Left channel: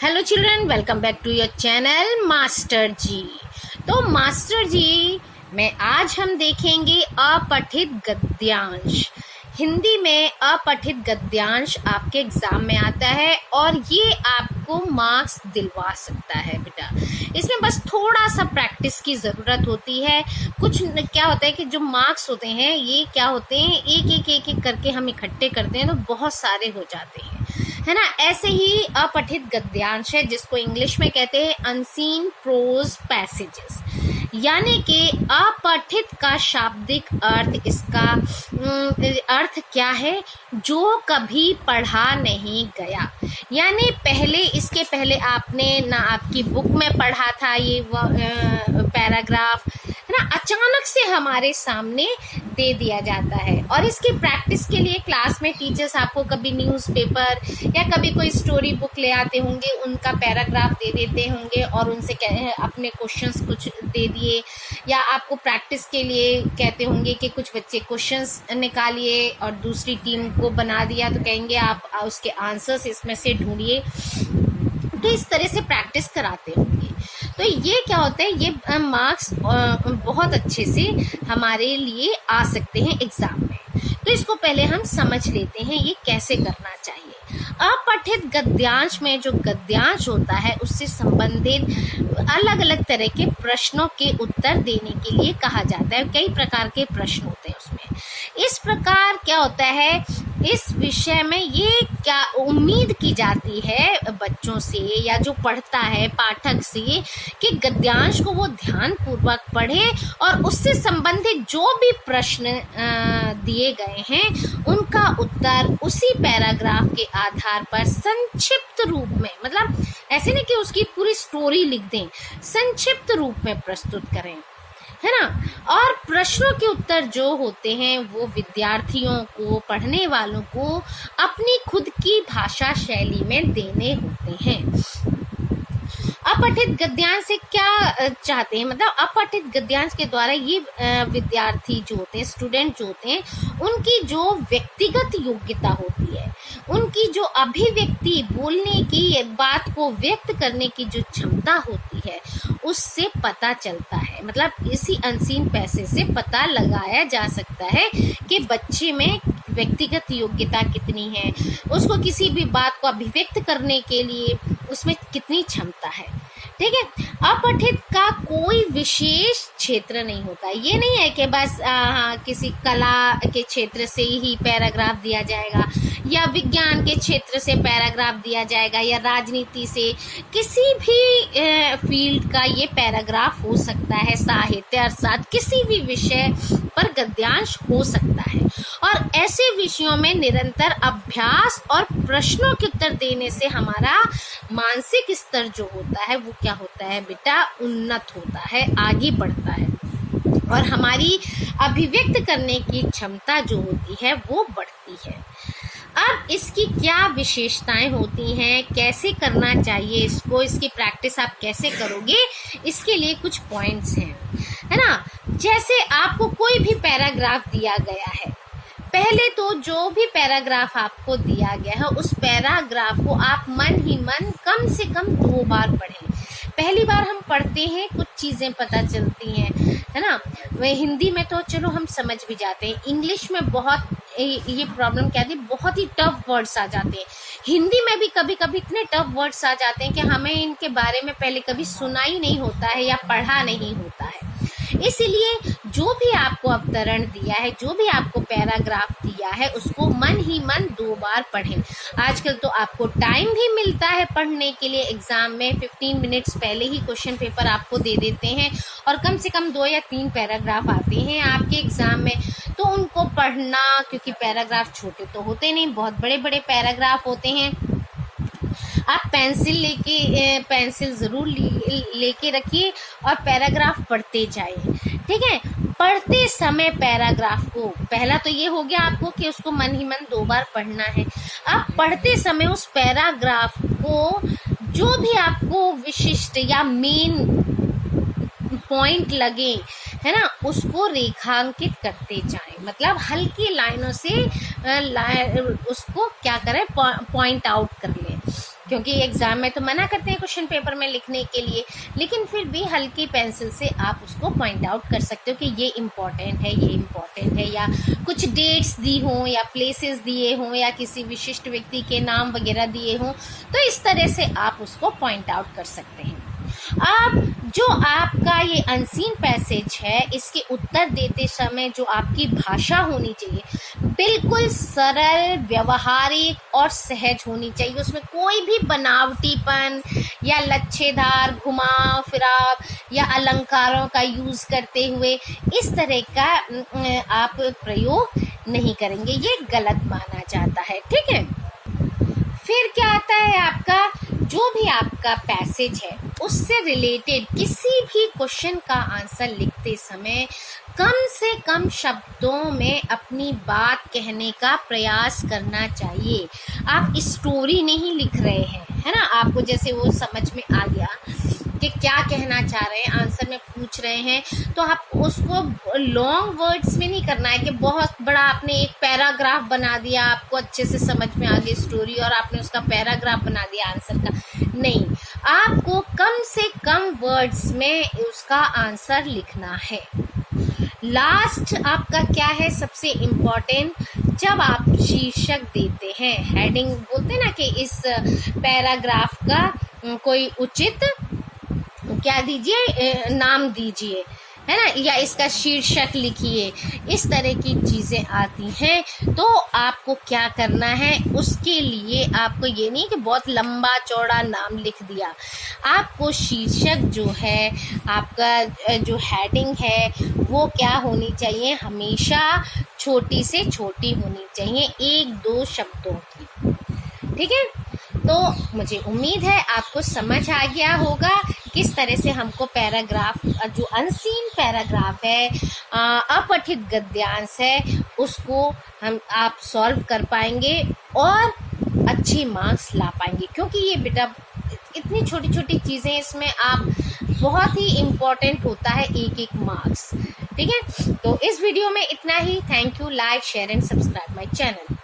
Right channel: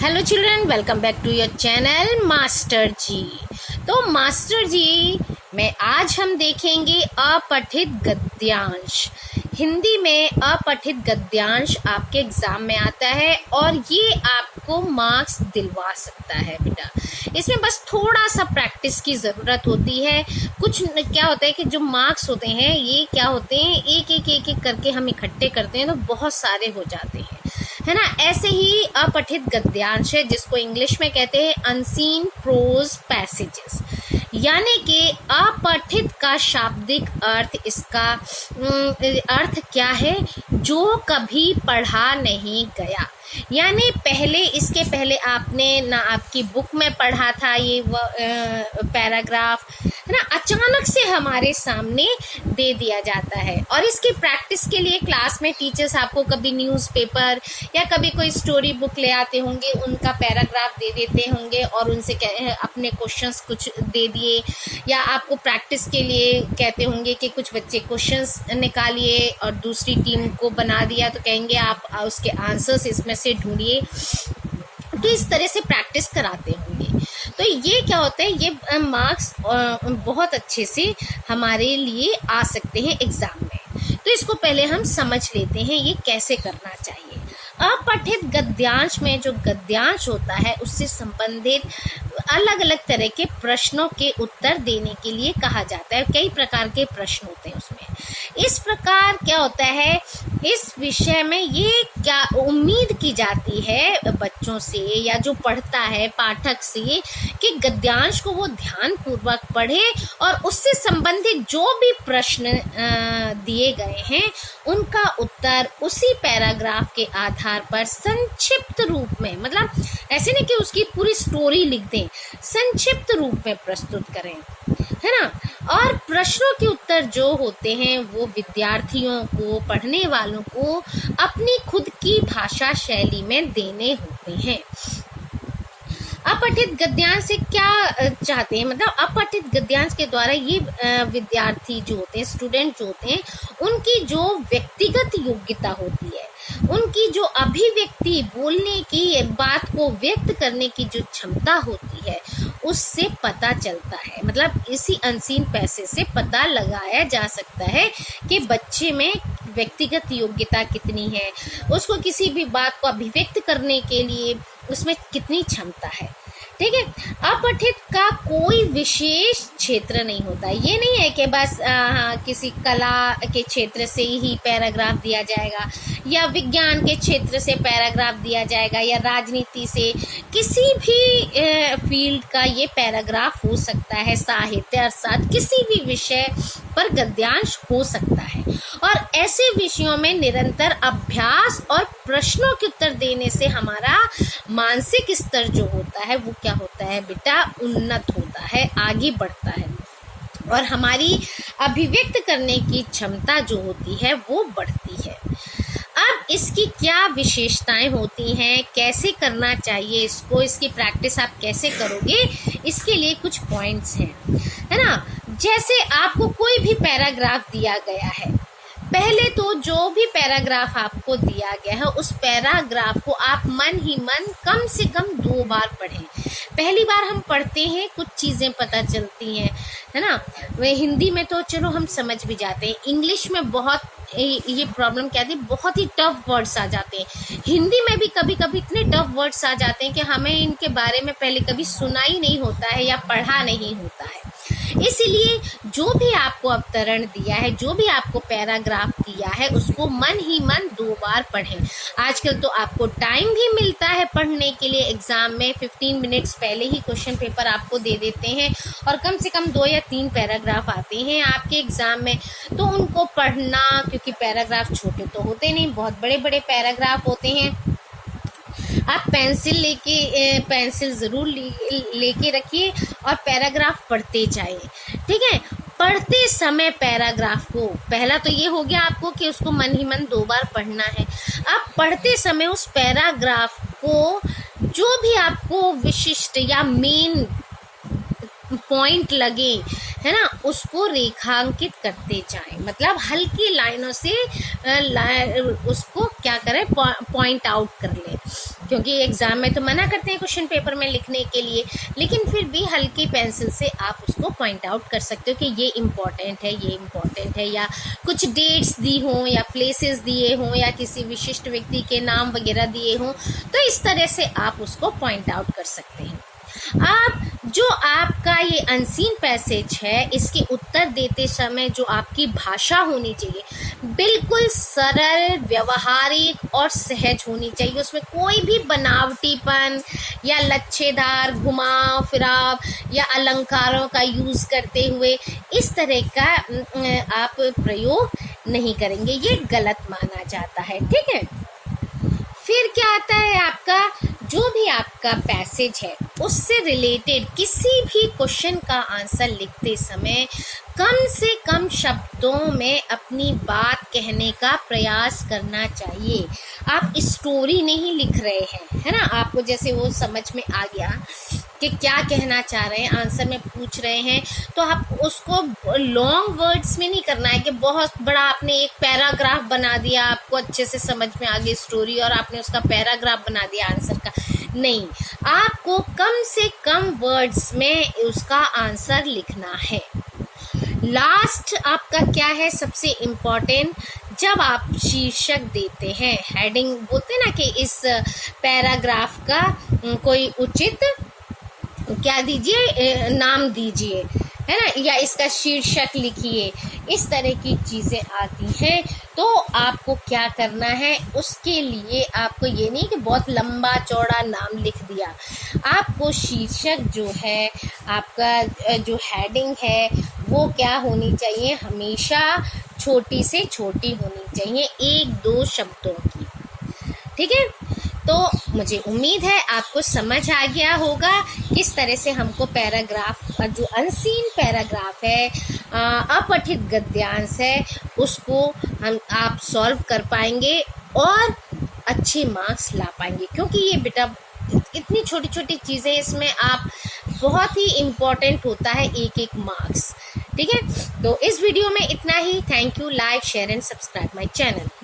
Hello children, welcome back to your channel master ji. तो master जी में आज हम देखेंगे अपठित गद्यांश। हिंदी में अपठित गद्यांश आपके एग्जाम में आता है और ये आपको मार्क्स दिलवा सकता है बेटा। इसमें बस थोड़ा सा प्रैक्टिस की ज़रूरत होती है। कुछ क्या होता है कि जो मार्क्स होते हैं ये क्या होते हैं, एक एक करके हम इकट्ठे करते हैं तो बहुत सारे हो जाते हैं, है ना। ऐसे ही अपठित गद्यांश है जिसको इंग्लिश में कहते हैं अनसीन प्रोज पैसेजेस, यानी कि अपठित का शाब्दिक अर्थ, इसका अर्थ क्या है, जो कभी पढ़ा नहीं गया। यानी इसके पहले आपने ना आपकी बुक में पढ़ा था ये पैराग्राफ, है ना, अचानक से हमारे सामने दे दिया जाता है। और इसकी प्रैक्टिस के लिए क्लास में टीचर्स आपको कभी न्यूज़पेपर या कभी कोई स्टोरी बुक ले आते होंगे, उनका पैराग्राफ दे देते होंगे और उनसे अपने क्वेश्चंस कुछ दे दिए, या आपको प्रैक्टिस के लिए कहते होंगे कि कुछ बच्चे क्वेश्चंस निकालिए और दूसरी टीम को बना दिया तो कहेंगे आप उसके आंसर्स इसमें से ढूंढिए। तो इस तरह से प्रैक्टिस कराते होंगे। तो ये क्या होता है, ये मार्क्स बहुत अच्छे से हमारे लिए आ सकते हैं एग्जाम में। तो इसको पहले हम समझ लेते हैं ये कैसे करना चाहिए। अपठित गद्यांश में जो गद्यांश होता है उससे संबंधित अलग अलग तरह के प्रश्नों के उत्तर देने के लिए कहा जाता है। कई प्रकार के प्रश्न होते हैं उसमें। इस प्रकार क्या होता है, इस विषय में ये क्या उम्मीद की जाती है बच्चों से या जो पढ़ता है पाठक से कि गद्यांश को वो ध्यानपूर्वक पढ़े और उससे संबंधित जो भी प्रश्न दिए गए हैं उनका उत्तर उसी पैराग्राफ के आधार पर संक्षिप्त रूप में, मतलब ऐसे नहीं कि उसकी पूरी स्टोरी लिख दें, संक्षिप्त रूप में प्रस्तुत करें, है ना। और प्रश्नों के उत्तर जो होते हैं वो विद्यार्थियों को, पढ़ने वालों को अपनी खुद की भाषा शैली में देने होते हैं। अपठित गद्यांश से क्या चाहते हैं, मतलब अपठित गद्यांश के द्वारा ये विद्यार्थी जो होते हैं, स्टूडेंट जो होते हैं, उनकी जो व्यक्तिगत योग्यता होती है, उनकी जो अभिव्यक्ति, बोलने की, बात को व्यक्त करने की जो क्षमता होती है उससे पता चलता है। मतलब इसी अनसीन पैसे से पता लगाया जा सकता है कि बच्चे में व्यक्तिगत योग्यता कितनी है, उसको किसी भी बात को अभिव्यक्त करने के लिए उसमें कितनी क्षमता है। ठीक है। अपठित का कोई विशेष क्षेत्र नहीं होता। ये नहीं है कि बस किसी कला के क्षेत्र से ही पैराग्राफ दिया जाएगा या विज्ञान के क्षेत्र से पैराग्राफ दिया जाएगा या राजनीति से, किसी भी फील्ड का ये पैराग्राफ हो सकता है। साहित्य अर्थात किसी भी विषय पर गद्यांश हो सकता है। और ऐसे विषयों में निरंतर अभ्यास और प्रश्नों के उत्तर देने से हमारा मानसिक स्तर जो होता है वो क्या होता है बेटा, उन्नत होता है, आगे बढ़ता है और हमारी अभिव्यक्त करने की क्षमता जो होती है वो बढ़ती है। अब इसकी क्या विशेषताएं होती हैं, कैसे करना चाहिए इसको, इसकी प्रैक्टिस आप कैसे करोगे, इसके लिए कुछ पॉइंट्स हैं, है ना। जैसे आपको कोई भी पैराग्राफ दिया गया है, पहले तो जो भी पैराग्राफ आपको दिया गया है उस पैराग्राफ को आप मन ही मन कम से कम 2 बार पढ़ें। पहली बार हम पढ़ते हैं कुछ चीज़ें पता चलती हैं, है ना। वह हिंदी में तो चलो हम समझ भी जाते हैं, इंग्लिश में बहुत ये प्रॉब्लम क्या थी, बहुत ही टफ वर्ड्स आ जाते हैं। हिंदी में भी कभी कभी इतने टफ वर्ड्स आ जाते हैं कि हमें इनके बारे में पहले कभी सुना ही नहीं होता है या पढ़ा नहीं होता है। इसीलिए जो भी आपको अवतरण दिया है, जो भी आपको पैराग्राफ दिया है, उसको मन ही मन 2 बार पढ़ें। आजकल तो आपको टाइम भी मिलता है पढ़ने के लिए। एग्जाम में 15 मिनट्स पहले ही क्वेश्चन पेपर आपको दे देते हैं और कम से कम 2 या 3 पैराग्राफ आते हैं आपके एग्जाम में, तो उनको पढ़ना, क्योंकि पैराग्राफ छोटे तो होते नहीं, बहुत बड़े बड़े पैराग्राफ होते हैं। आप पेंसिल ज़रूर लेके रखिए और पैराग्राफ पढ़ते जाइए। ठीक है। पढ़ते समय पैराग्राफ को, पहला तो ये हो गया आपको कि उसको मन ही मन 2 बार पढ़ना है। अब पढ़ते समय उस पैराग्राफ को जो भी आपको विशिष्ट या मेन पॉइंट लगे, है ना, उसको रेखांकित करते जाएं। मतलब हल्की लाइनों से उसको क्या करें, पॉइंट आउट कर लें, क्योंकि एग्जाम में तो मना करते हैं क्वेश्चन पेपर में लिखने के लिए, लेकिन फिर भी हल्की पेंसिल से आप उसको पॉइंट आउट कर सकते हो कि ये इम्पोर्टेंट है, ये इम्पोर्टेंट है, या कुछ डेट्स दी हों या प्लेसेस दिए हों या किसी विशिष्ट व्यक्ति के नाम वगैरह दिए हों, तो इस तरह से आप उसको पॉइंट आउट कर सकते हैं। अब जो आपका ये अनसीन पैसेज है, इसके उत्तर देते समय जो आपकी भाषा होनी चाहिए बिल्कुल सरल, व्यवहारिक और सहज होनी चाहिए। उसमें कोई भी बनावटीपन या लच्छेदार, घुमाव फिराव या अलंकारों का यूज करते हुए इस तरह का आप प्रयोग नहीं करेंगे, ये गलत माना जाता है। ठीक है, फिर क्या आता है, आपका जो भी आपका पैसेज है उससे रिलेटेड किसी भी क्वेश्चन का आंसर लिखते समय कम से कम शब्दों में अपनी बात कहने का प्रयास करना चाहिए। आप स्टोरी नहीं लिख रहे हैं, है ना, आपको जैसे वो समझ में आ गया कि क्या कहना चाह रहे हैं, आंसर में पूछ रहे हैं, तो आप उसको लॉन्ग वर्ड्स में नहीं करना है कि बहुत बड़ा आपने एक पैराग्राफ बना दिया, आपको अच्छे से समझ में आ गई स्टोरी और आपने उसका पैराग्राफ बना दिया आंसर का। नहीं, आपको कम से कम वर्ड्स में उसका आंसर लिखना है। लास्ट आपका क्या है, सबसे इम्पोर्टेंट, जब आप शीर्षक देते हैं, हेडिंग बोलते हैं ना, कि इस पैराग्राफ का कोई उचित क्या दीजिए, नाम दीजिए, है ना, या इसका शीर्षक लिखिए, इस तरह की चीज़ें आती हैं, तो आपको क्या करना है, उसके लिए आपको ये नहीं कि बहुत लंबा चौड़ा नाम लिख दिया, आपको शीर्षक जो है, आपका जो हेडिंग है, वो क्या होनी चाहिए, हमेशा छोटी से छोटी होनी चाहिए, 1-2 शब्दों की। ठीक है, तो मुझे उम्मीद है आपको समझ आ गया होगा किस तरह से हमको पैराग्राफ, जो अनसीन पैराग्राफ है, अपठित गद्यांश है, उसको आप सॉल्व कर पाएंगे और अच्छे मार्क्स ला पाएंगे। क्योंकि ये बेटा इतनी छोटी छोटी चीज़ें, इसमें आप बहुत ही इम्पोर्टेंट होता है एक मार्क्स। ठीक है, तो इस वीडियो में इतना ही। Thank you. Like, share and subscribe my channel.